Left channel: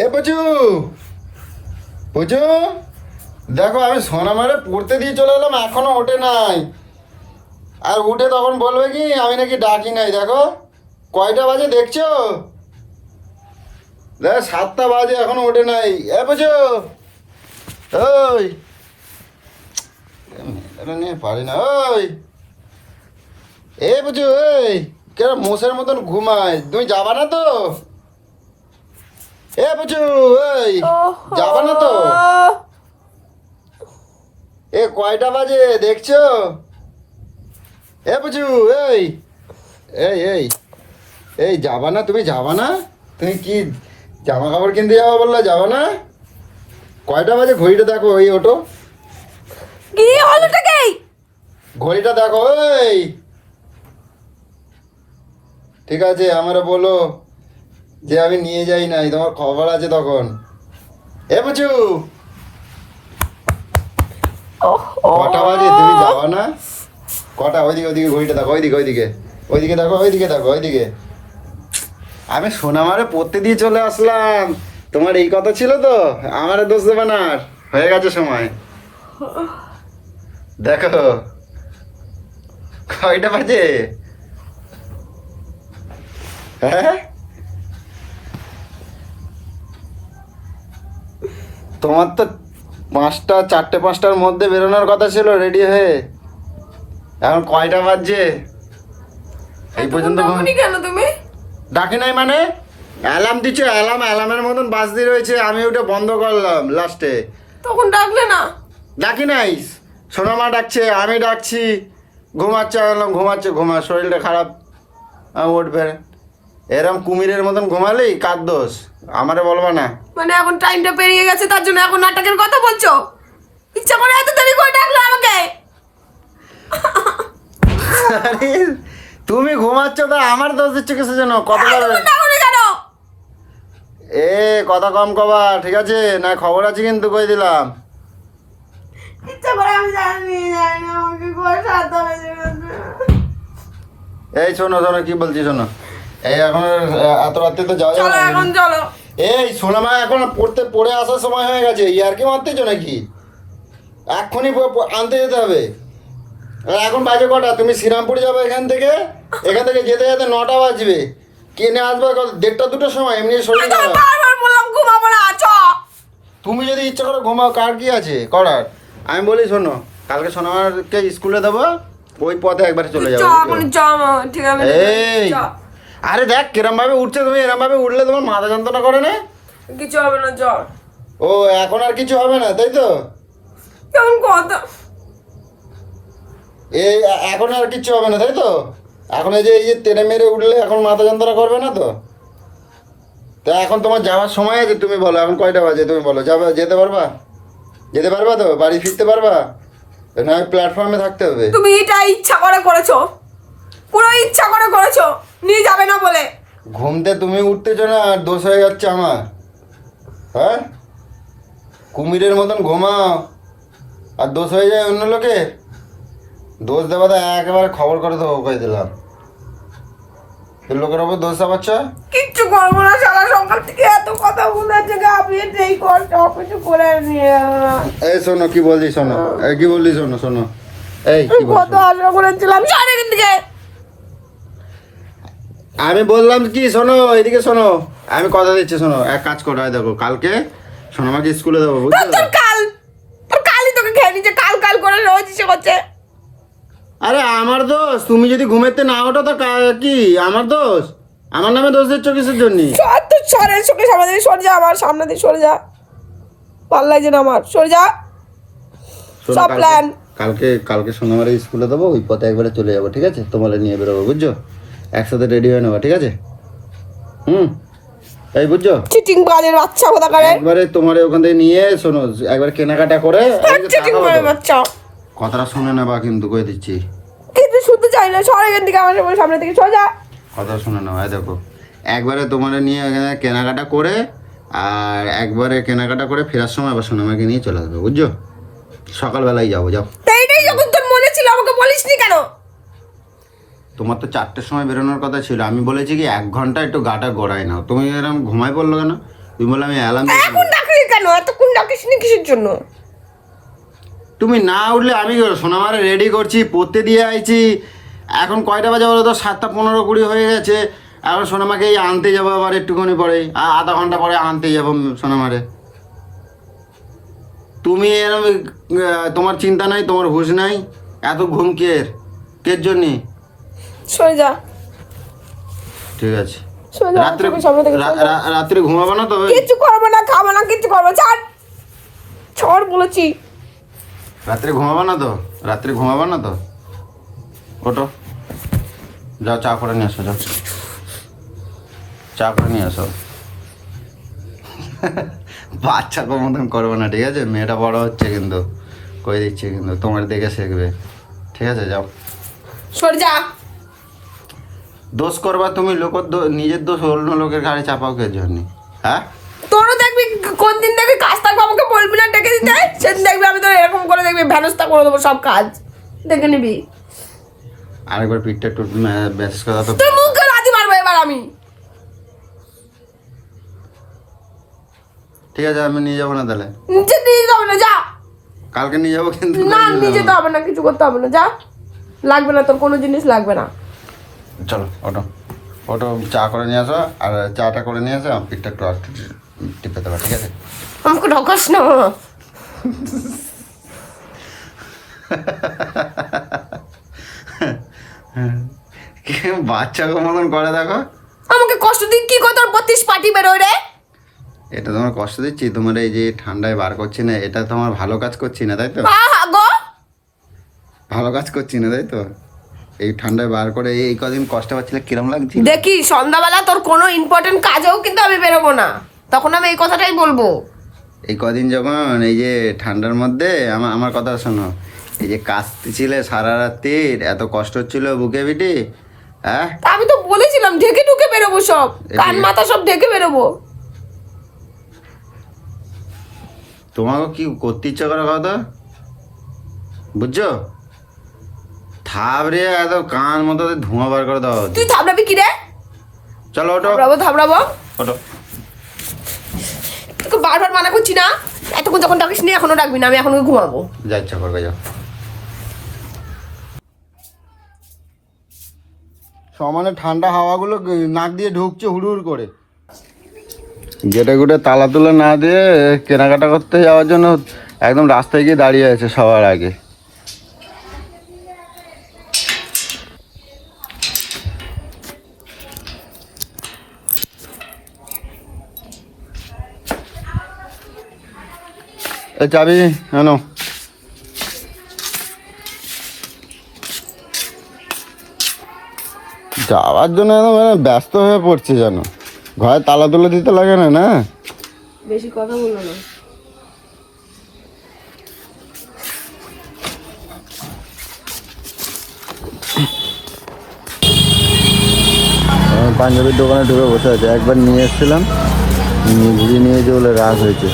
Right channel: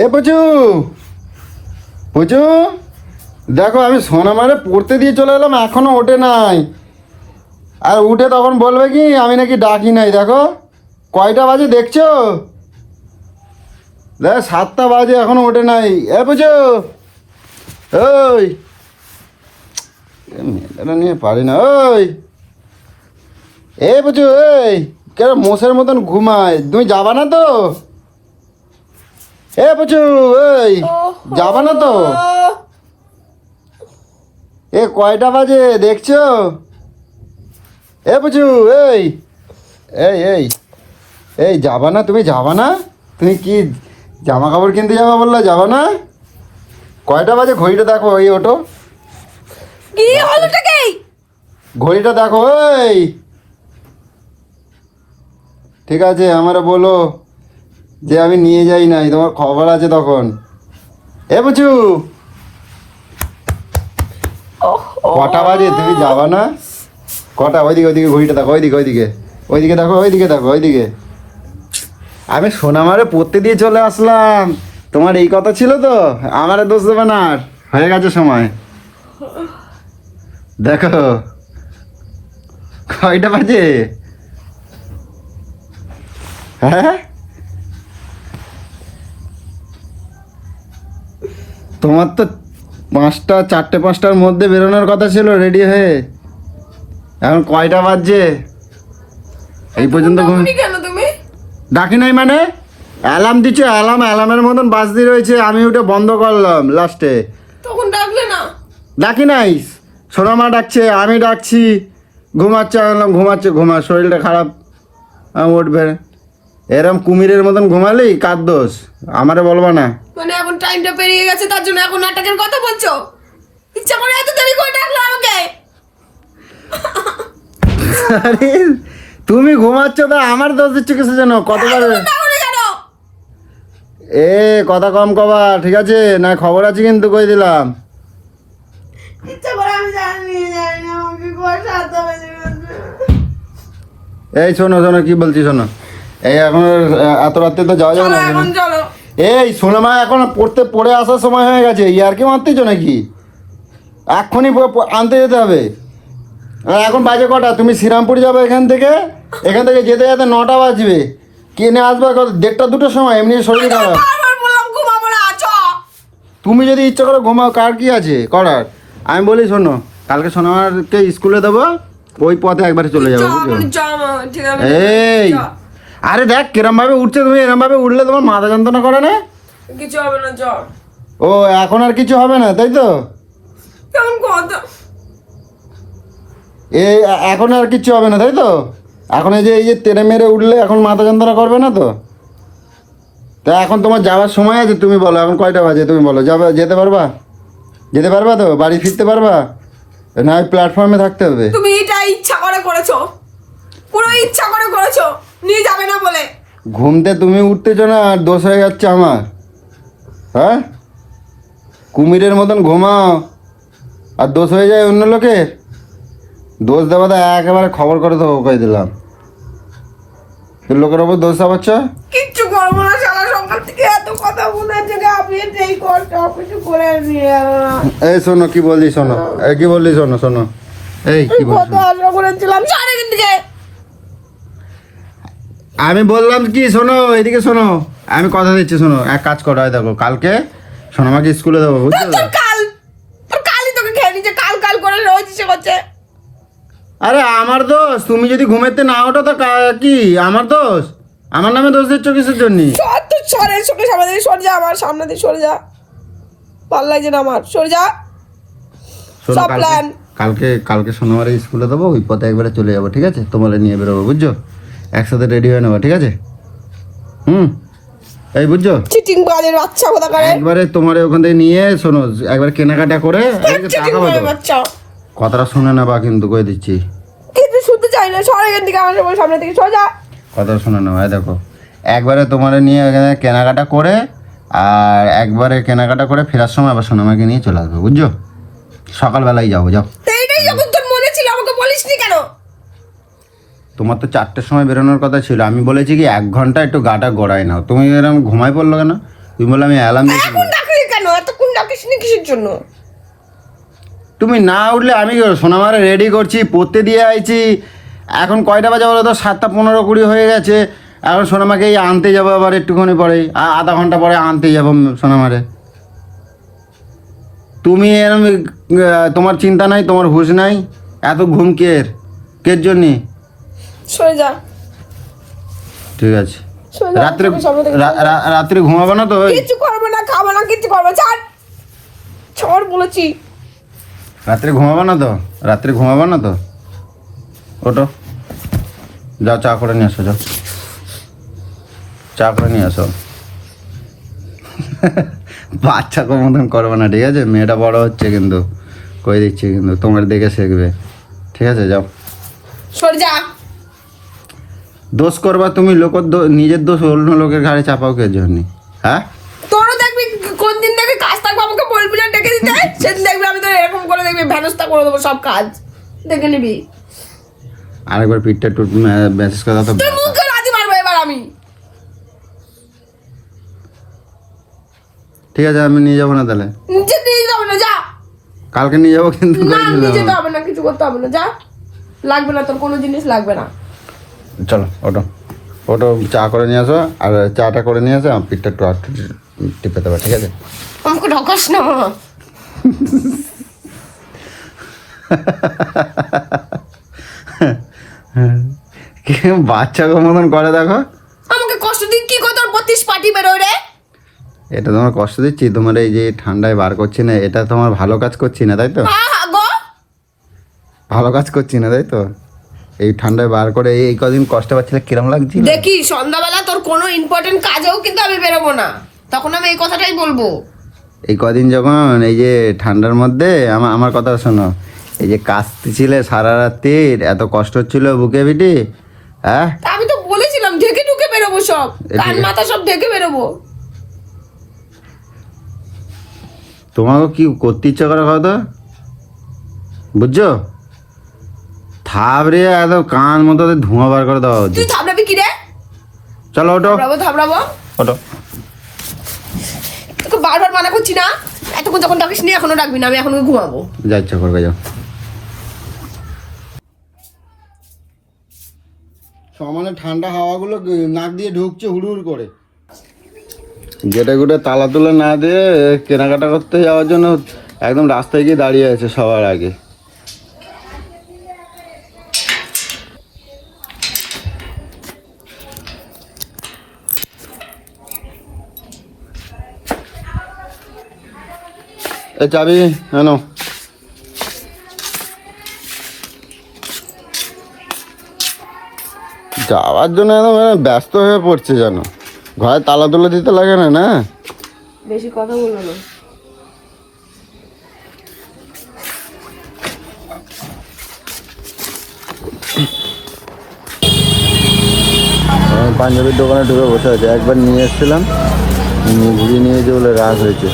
এ পুচু, পুচু, দেখো আমি সোনামারে পড়তে দিয়ে চলে এলাম, এখনো ওঠে নাই। আর উঠে তখন বলবে কি আমি নাকি ডাকি নাই। দেখো কয়টা বাজে দেখছো? দেখ 7টা বাজে এখনো ওঠে নাই। এ পুচু, ওই মেয়েটা নিয়ে পারি না। ওই এ পুচু, এই কেন মোষের মতন ঘুমায়? তুমি যাবা না তো? এ পুচু, এই যাবা না তো? এ কয়টা বাজে দেখছো? এ পুচু, এই এই এই এই যাবা না? তুমি যাবা না? তুমি কি জামা কাপড় কিনতে যাবা বললে, যাবা না? কয়টা বাজে ঘড়িটা দেখো, ওই ওটো কি হলো টাকে? ঘড়িটা দেখো। এই ঠিক আছে, আমারে বলো যে আমি নিয়ে যাই নাই, তোমার খবর আছে তখন। এ পুচু, কটা বাজে? তুমি যাবা না? কটা? ওইদিকে ওইদিকে ঘড়িটা দেখো, ওইদিকে ওইদিকে ওইদিকে দেখো, ওইদিকে দেখো, ওইদিকে। আমি সোনামারে পড়তে দিয়ে চলে আসলাম, তোমার এই কথা ছিল তো? আমারে দোষ দেবে না, আর হয়ে গেছে সময়। দেখো কয়টা বাজে। হ্যাঁ, তোমার তো 5টা 4টে 5টার মধ্যে বেরোনোর কথা ছিল রেডি হয়ে। এখন কয়টা বাজছে? এই পর্যন্ত ডাকুনি কেন তুমি? ডাকি নাই মানে? অ্যালার্ম দিচ্ছে, অ্যালার্মের মতন বাজতে রয়েছে, আমি ওটা বন্ধ করলাম লাস্টে। তখন ডাকলে না? ডাকি নাই, সোনামা ডাকছে, আমি ডাকছি। ঘুমাচ্ছে, আনলাম ঘুমাচ্ছে, শরীরটা খারাপ, উঠবে। এরম কুমিরের মতন ঘুমালেই কার দোষ? আমারে বলবা না। মানে এখন টাইমটা পেরিয়ে গেছে তার জন্য এখন নাটকের কথা বলছো? ইচ্ছা করে এত দেরি করে ডাকলে আমাকে? আরে, তুমি ঘুমাচ্ছ না, আমার দোষ দিচ্ছ কিছু জানো? কতবার ডাকুনি কেন? এ কথা কম কবা, ঠিক আছে না? খবর আছে কিন্তু, কই দিলাম। ইচ্ছা করে আমি জানি আমাকে করে সাথে এই শোনো শোনো, কি বলছি শোনো। এই এখন এত রাত্রে তো যাওয়া যাবে চলো না। এখন চলো। এই সোনামা এখন পড়ে আসার সময় হয়ে গেছে, ইয়ার কি মারতেছ নাকি? এক্ষুনি আনতে যেতে হবে। আর এখন বাজে কটা? তুমি শ্রীরামপুর যাবে এখান থেকে যেতে যেতে 9টা বাজবে। কিনে আসবে 1:30 2টার সময়, এমনি শরীর খারাপ। বারবার বললাম ঘুমাবো না, আছো। তুমি যদি ইচ্ছা করে ঘুমাও, কার কি আছে করার? আমি বলি শোনো, কালকে সোনামাকে স্কুলে দেবো, ওই পথে একবারে চলে যাবো, বুঝছো? ঠিক আছে। এই আরে দেখ কিরম ভাবে উঠছে, তুমি এরম ভাবে উঠলে তোমার মাথা যন্ত্রণা করে না? কিছু হবে না, জ্বর। ও এখন আর কিছু হবে না, তাই তো? কেমন কথা? এই এখন আর কিছু হবে না, তাই তো? এখন এই যে তেড়ে মেরে উঠলে এখন মাথা যন্ত্রণা করবে না তো? তা এখন তোমার যাওয়ার সময় আছে, তুমি বলো এখন কয়টা বাজে, তুমি বলো। যেতে পারবা? যেতে পারবা তো? বাড়ি ফিরতে পারবা না? ওই প্ল্যাটফর্মে থাকতে হবে? তুমি এটা ইচ্ছা করে করেছো, পুরো ইচ্ছা করে করেছো, নিয়ে যাবে না বলে। ঘুমতে তুমি উঠতেছো না, আর দোষ হয়ে যাচ্ছে আমার। হ্যাঁ, কুমিরের মতন ঘুমাও আর দোষ হয়ে যায় অন্য লোকে। দোষ দেওয়াটা একেবারে খবর করে দেবো, কই দিলাম। লোকের ওপর দোষ চাপাচ্ছ? কিচ্ছু করবো না, সকাল সকাল থেকে এত কথা বলেছে যে আপনি এই করতে কিছু করে নিয়ে গেল না। এই শোনো কি বললি, শোনো কি বললি, শোনো শোনো। এই কি বললি? কত আশা করেছিলাম সারাদিন থেকে। আমি বললাম কি, শোনো এদিকে শোনো, আমি কথা দিচ্ছি, শোনো। এক কাজ করো, হয় দেখো কালকে শোনো, আমাকে স্কুলে দেবো, বুঝছো? তোর কালই তোকে খেয়ে নিচ্ছে, কাল কাল করে রোজ ইচ্ছে করছে। আরে আমার দোষ? তুমি যদি ঘুমেতে না ওঠো তো কি আমার দোষ? আমার নামে দোষ দিচ্ছ কিসের জন্য? সর তো, সরের চোখে সামনে থেকে সরে যা, আমার সামনে থেকে সরে যা, ভাল লাগছে না আমার, সরে যা। শোনো, সব প্ল্যান কালকে সোনামারে স্কুলে দেবো, ওই পথে একবারে চলে যাবো, ঠিক আছে? তোমার নিয়ে বেরোবো, বুঝছো? একসাথে রেডি হয়ে নেবো, ঠিক আছে? এই বুঝছো? চিটিং বাজের বাচ্চা কোথা করে, একবারে তোমার ওখান থেকে নিয়ে শোনো, একবারে কেনাকাটা করে চিটিং বাজের বাচ্চা। কথাটা শুনে নেবা কিন্তু, কই দিচ্ছি। কিন্তু শুনতে চাই না, সর এখান থেকে, আমার সামনে থেকে সরে যা। কথাটা শুনে নেবা। দেখো একবারে তোমার নিয়ে ওখানে কেনাকাটা করে, আর একবারে কেনাকাটা করে ফেরার সময় আবার সোনামাকে নিয়ে চলে আসবো, বুঝছো? সকালবেলায় যাবো, যাও। এইটাই যখন তোর মনে ছিল আমাকে বলিসনি কেন? তোমার তো 4টের সময় বেরোনোর কথা ছিল, আমি বলেছি কি 1 ঘন্টা একটু গাটা গড়াই নাও, তুমি এরকম ঘুমাই পড়লো কেন? তুমি বলে আমি অ্যালার্ম এখন ডাকলি কেন? এতক্ষণ ডাকিস নি কিসের জন্য? তুমি না উঠলে আমি সোনামারে রেডি করছি, পড়তে দিয়ে আইছি। এখন কয়টা বাজে বলো তো? 7:15-20 হয়ে গেছে। এখন সোনামাকে এই আনতে যাবো আবার একটুখানি পরে, আধা ঘন্টা পরে আনতে যাবো সোনামারে। তুমি এরম তোমার চিন্তা নাই, তোমার হুঁশ নাই, এত ঘুম কের জন্যে? সরে যা, ঠিক আছে। সরে যা, রাত্রে চোখের সামনে থেকে সরে যা। রাত্রে ঘুমাবো না তো? কিচ্ছু করবো না, খাবো না, কিচ্ছু করবো না। ছাড় বলেছি। রাত্রে ঘুমাবো না তো? রাত্রে ঘুমাবো না তো? ওটো, যাও চা করে নিয়ে আসো, যাও চা করে নিয়ে আসো। বাচ্চাকে মতন করবো না, ঠিক আছে? মেয়েটা বড় হচ্ছে কিন্তু, কই দিচ্ছি কিন্তু, তোমার দেখে শিখবে, ঠিক আছে? যাও, সরে যা। দোষ করবা তুমি, নিজের দোষ অন্য লোকের ঘাড়ে চাপাও কে জন্য? হ্যাঁ, তোরও দেখবি কোন দিন দেখবি কাজ থাকবো, আমাকে বলবি না ডেকে দিতে, সেদিন দেখবি আমি তো এরকম করে দেখবি ভ্যানস্তা করে দেবো সব কাজ, দেখে নিবি। আরেকবার পিঠটা একটু মেসেজ করা তো। তোর মুখে রাজি মারবো এবার আমি। ঠিক আছে, আমি নিয়ে যাবো না তাহলে? নিচে নিয়ে যাবে না, যা। কালকে নিয়ে যাবো কিন্তু। না, নিয়ে যেতে হবে না, কিছু করতে হবে না, যা। লাগবে না তোর কোনো জিনিস, লাগবে না। চলো, ওটো চা করে নিয়ে আসো, আর চাটা করে নিয়ে আসো, আমার পিঠটা একটু আটকে টিপে দেবো, ঠিক আছে? আমাকে ঢকাস না। কি বাচ্চাকে মতন করে দেখো। আমাকে কষ্ট দিক কি কথা, তোর 32 পার্টি বেরোয় রে। এটা তোমার কষ্ট দিচ্ছি? তোমার এই যে ঠান্ডায় বার করছি না, এটা তোমার ভালো কাজ করছি না, তাই তো? গো, ভালো কাজ করছি না, তাই তো? এই ঠান্ডায় বার করে এই কদিন কষ্ট পাচ্ছিলে, কিরম লাগছে? দেখি সন্ধ্যাবেলা তোর কোনো ইম্পর্টেন্ট কাজেও কিন্তু আমি বেরোবো না, তখন আমি এই কথাটাই বলবো। এই কদিন যখন এই যে ঠান্ডার মধ্যে আমার কথা শোনো, এই যে কাশতেছিলে সারা রাত্রির, এত কষ্ট হচ্ছিল বুকে পিঠে, হ্যাঁ? আমি তো বলেছিলাম ঢেকে ঢুকে বেরোবো, সব কান মাথা সব ঢেকে বেরোবো। তোমাকে কি করতে ইচ্ছা করে কথা বুঝছো? থাবড়ে এত কান মতো ধোঁয়া বার করে দেওয়া হচ্ছে। তুই থামড়াবি কি রে? চলো ওটো, থামড়াবো। ওটো। তোকে বারবার মানা করছি না, এতক্ষণ যখন ডাকিস নি এখনো ডাকবি না, আমি এখন ঘুমাবো। যা ইচ্ছা করবে যাও। সমানে ঠান্ডা হাওয়াগুলো নাক দিয়ে ঢুকছে হুড় করে। গেটে গুটে তালা তুলে না দিয়ে কেনাকাটা করতে যাওয়ার জন্য একদম রাস্তায় গিয়ে দাঁড়িয়ে আছে সবার আগে। এ চাবি আনো। যাওয়ার জন্য একদম ব্যস্ত হয়ে পড়ছে যেন, ঘরে তালা তুলে দিতে লাগে না? না, বেশি কথা বললো না। পাঞ্জাবির দোকানে ঢুকে বসে আছে, একবার নিয়ে এসেছিলাম, ঘুরিয়ে নিয়ে যে বলে রাগ হয়েছে।